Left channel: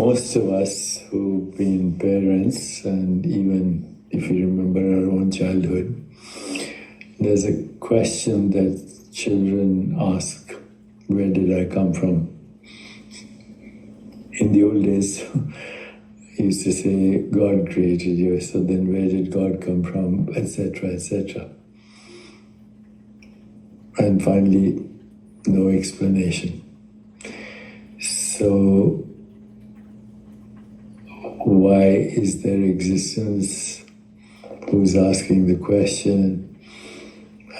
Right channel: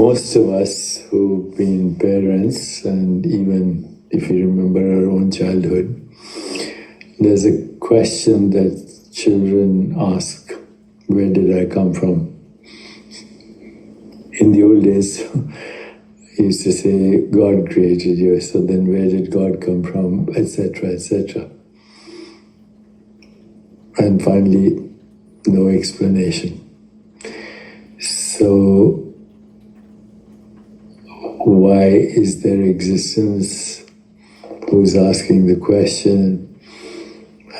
Most of us who've been parents, and even if you remember our own childhood, there's a question that children ask, where did I come from? In the old days, you used to say, God created you, so then where did God come from, etc., etc. And finally, no explanation. So, why is there existence? Who's asking the question?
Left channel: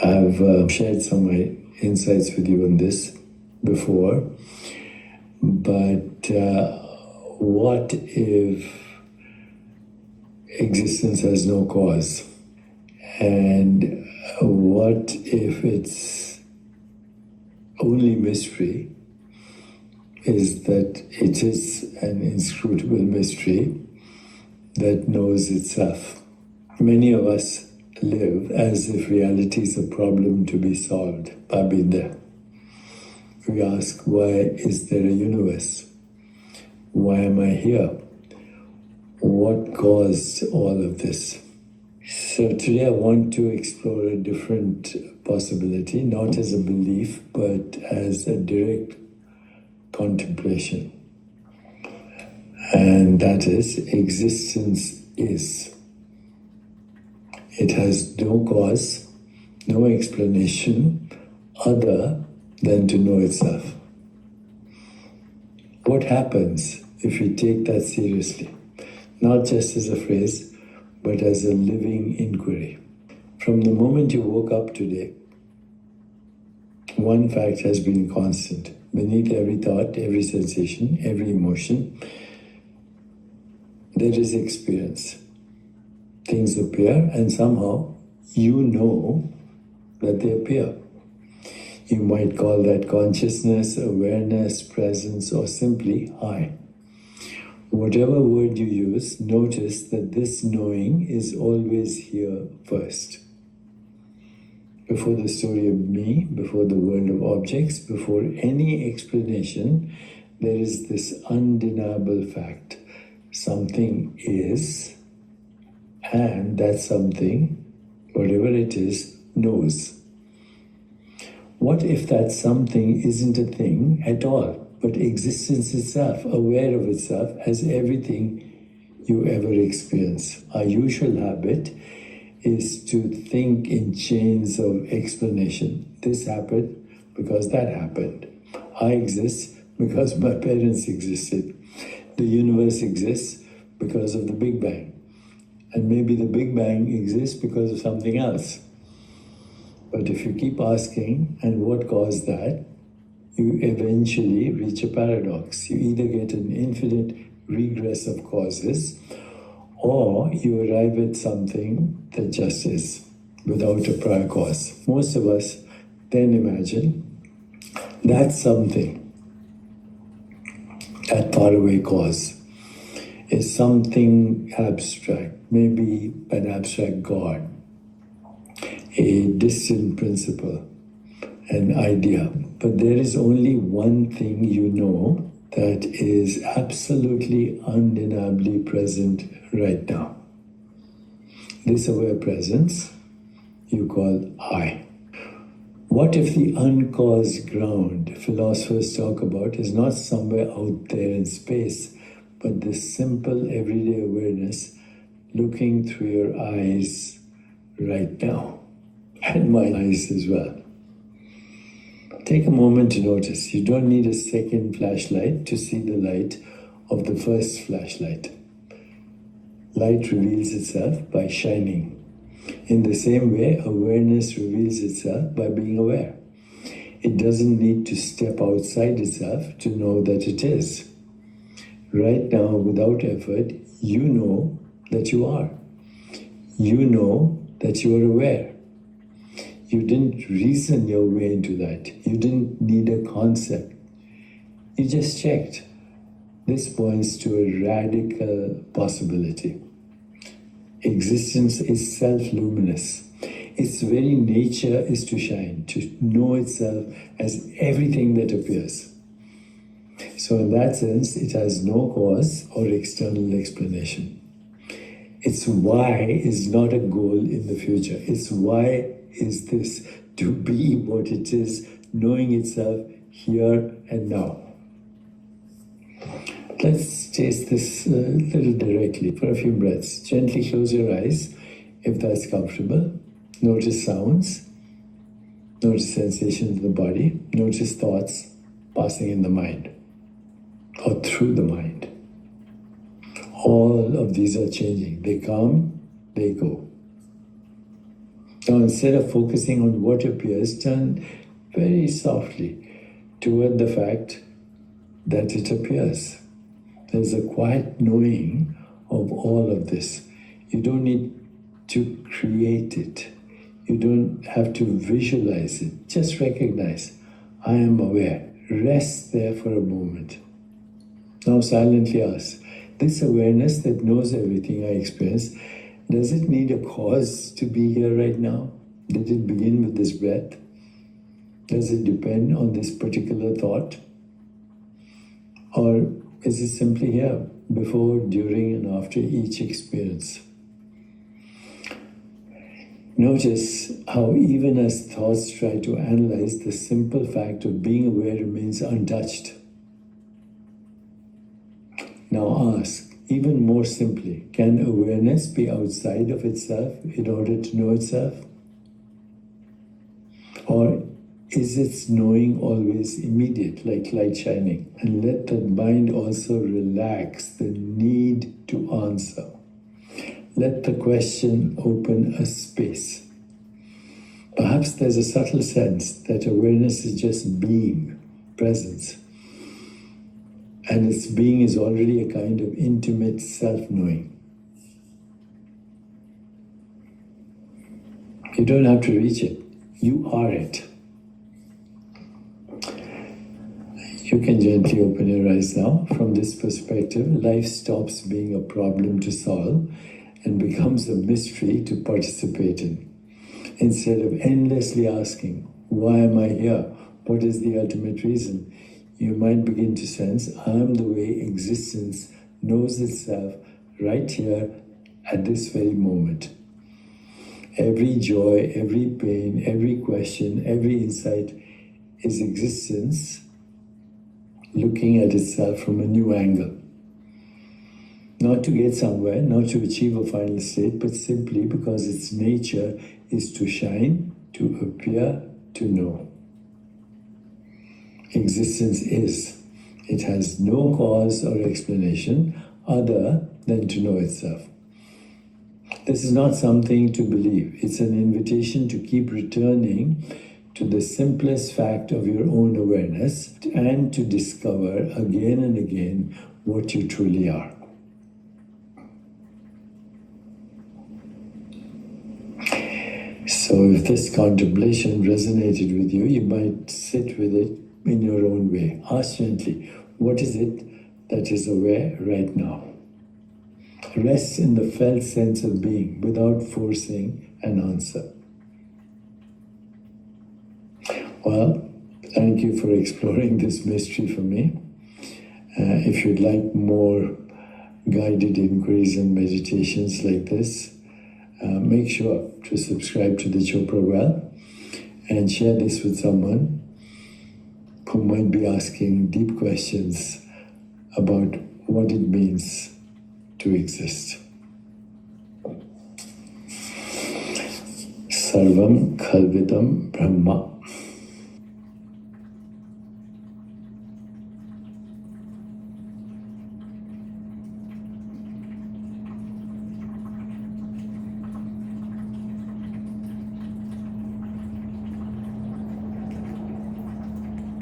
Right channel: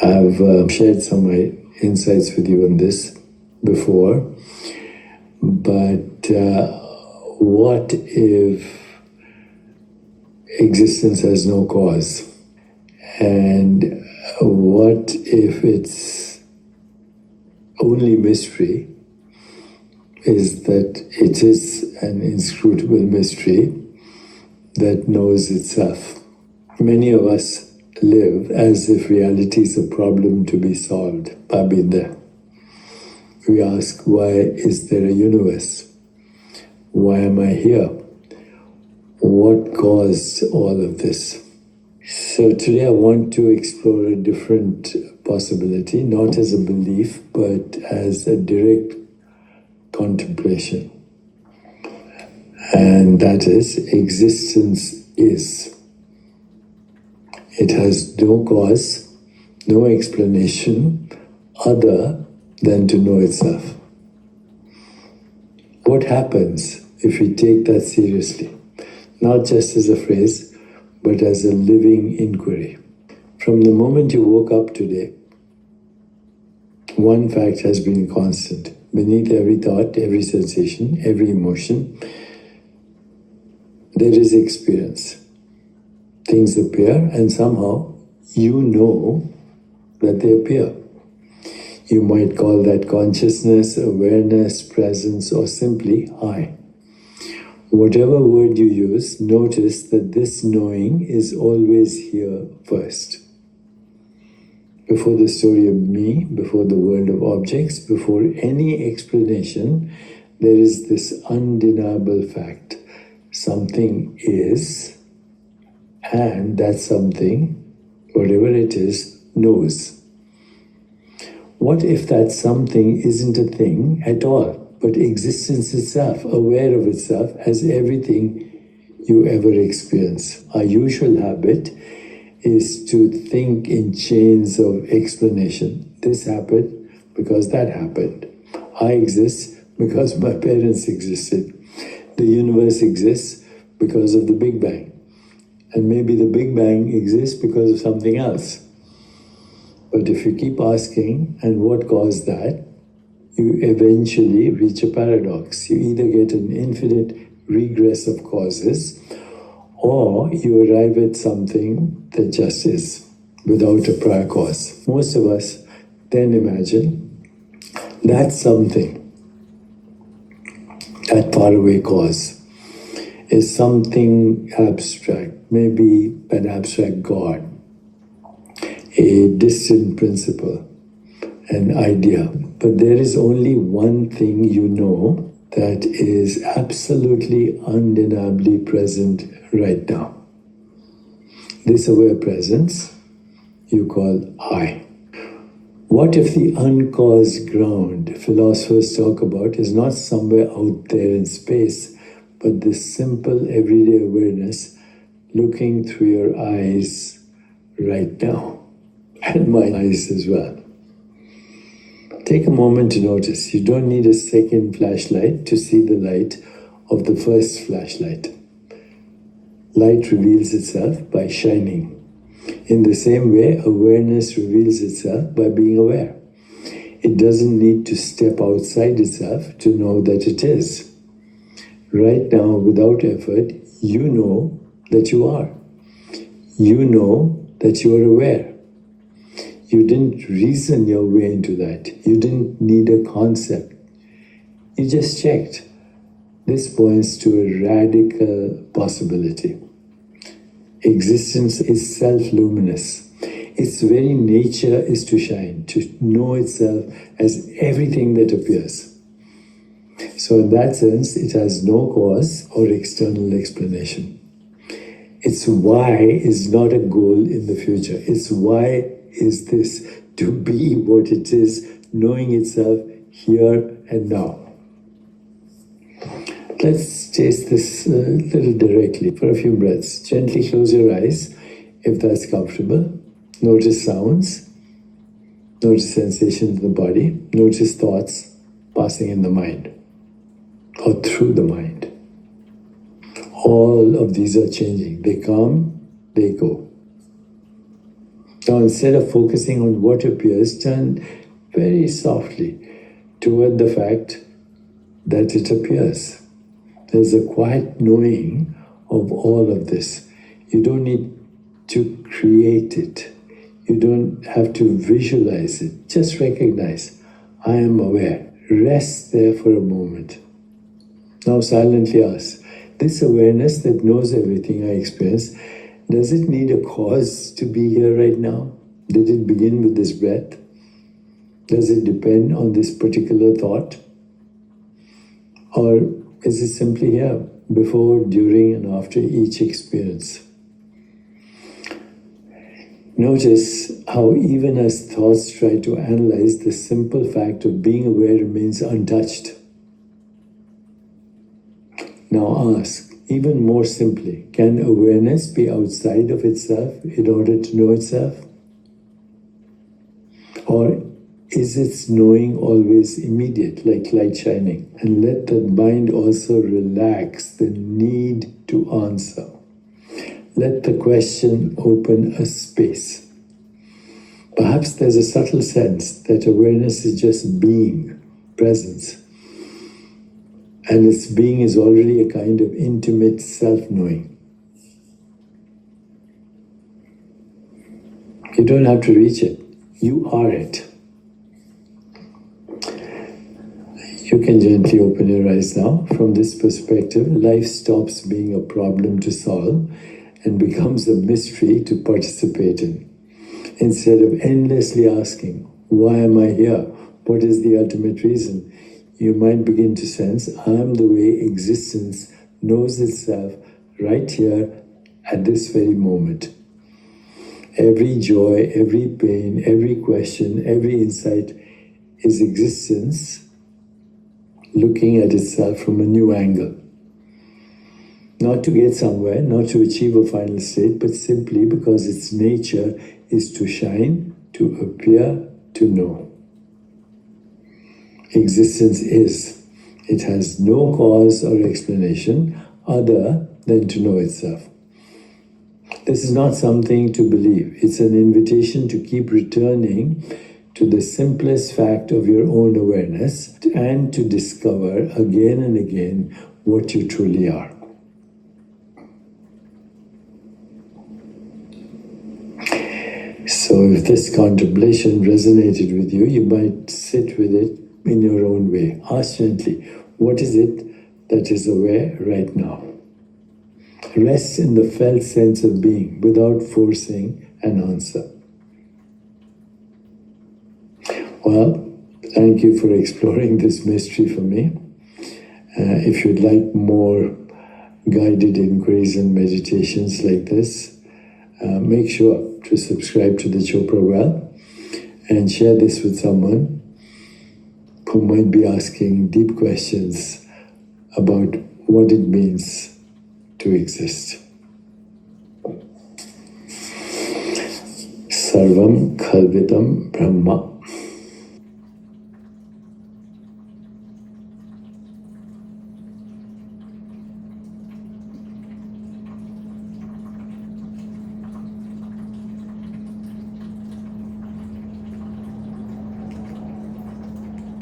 I've shared some of my insights with you on this before, but what if existence has no cause? And what if its only mystery is that it is an inscrutable mystery that knows itself? Many of us live as if reality is a problem to be solved. I've been there. We ask, why is there a universe? Why am I here? What caused all of this? So today I want to explore a different possibility, not as a belief, but as a direct contemplation. And that is, existence is. It has no cause, no explanation other than to know itself. What happens if we take that seriously? Not just as a phrase, but as a living inquiry. From the moment you woke up today, one fact has been constant. Beneath every thought, every sensation, every emotion, there is experience. Things appear, and somehow you know that they appear. You might call that consciousness, awareness, presence, or simply I. Whatever word you use, notice that this knowing is always here first. Before the story of me, before the world of objects, before any explanation, there is this undeniable fact. Something is, and that something, whatever it is, knows. What if that something isn't a thing at all, but existence itself, aware of itself as everything you ever experience? Our usual habit is to think in chains of explanation. This happened because that happened. I exist because my parents existed. The universe exists because of the Big Bang. And maybe the Big Bang exists because of something else. But if you keep asking, and what caused that, you eventually reach a paradox. You either get an infinite regress of causes, or you arrive at something that just is, without a prior cause. Most of us then imagine that something, that faraway cause, is something abstract, maybe an abstract God, a distant principle, an idea. But there is only one thing you know that is absolutely undeniably present right now. This aware presence you call I. What if the uncaused ground philosophers talk about is not somewhere out there in space, but this simple everyday awareness looking through your eyes right now, and my eyes as well? Take a moment to notice. You don't need a second flashlight to see the light of the first flashlight. Light reveals itself by shining. In the same way, awareness reveals itself by being aware. It doesn't need to step outside itself to know that it is. Right now, without effort, you know that you are. You know that you are aware. You didn't reason your way into that. You didn't need a concept. You just checked. This points to a radical possibility. Existence is self-luminous. Its very nature is to shine, to know itself as everything that appears. So in that sense, it has no cause or external explanation. Its why is not a goal in the future. Its why is this: to be what it is, knowing itself here and now. Let's taste this a little directly for a few breaths. Gently close your eyes if that's comfortable. Notice sounds. Notice sensations in the body. Notice thoughts passing in the mind or through the mind. All of these are changing. They come, they go. Now, instead of focusing on what appears, turn very softly toward the fact that it appears. There's a quiet knowing of all of this. You don't need to create it. You don't have to visualize it. Just recognize, I am aware. Rest there for a moment. Now silently ask, this awareness that knows everything I experience, does it need a cause to be here right now? Did it begin with this breath? Does it depend on this particular thought? Or is it simply here, before, during, and after each experience? Notice how even as thoughts try to analyze, the simple fact of being aware remains untouched. Now ask, even more simply, can awareness be outside of itself in order to know itself? Or is its knowing always immediate, like light shining? And let the mind also relax the need to answer. Let the question open a space. Perhaps there's a subtle sense that awareness is just being, presence. And its being is already a kind of intimate self-knowing. You don't have to reach it. You are it. You can gently open your eyes now. From this perspective, life stops being a problem to solve and becomes a mystery to participate in. Instead of endlessly asking, why am I here? What is the ultimate reason? You might begin to sense, I am the way existence knows itself right here at this very moment. Every joy, every pain, every question, every insight is existence looking at itself from a new angle. Not to get somewhere, not to achieve a final state, but simply because its nature is to shine, to appear, to know. Existence is. It has no cause or explanation other than to know itself. This is not something to believe. It's an invitation to keep returning to the simplest fact of your own awareness and to discover again and again what you truly are. So if this contemplation resonated with you, you might sit with it in your own way. Ask gently, what is it that is aware right now? Rest in the felt sense of being without forcing an answer. Well, thank you for exploring this mystery for me. If you'd like more guided inquiries and meditations like this, make sure to subscribe to the Chopra Well and share this with someone who might be asking deep questions about what it means to exist. Sarvam Khalvitam Brahma.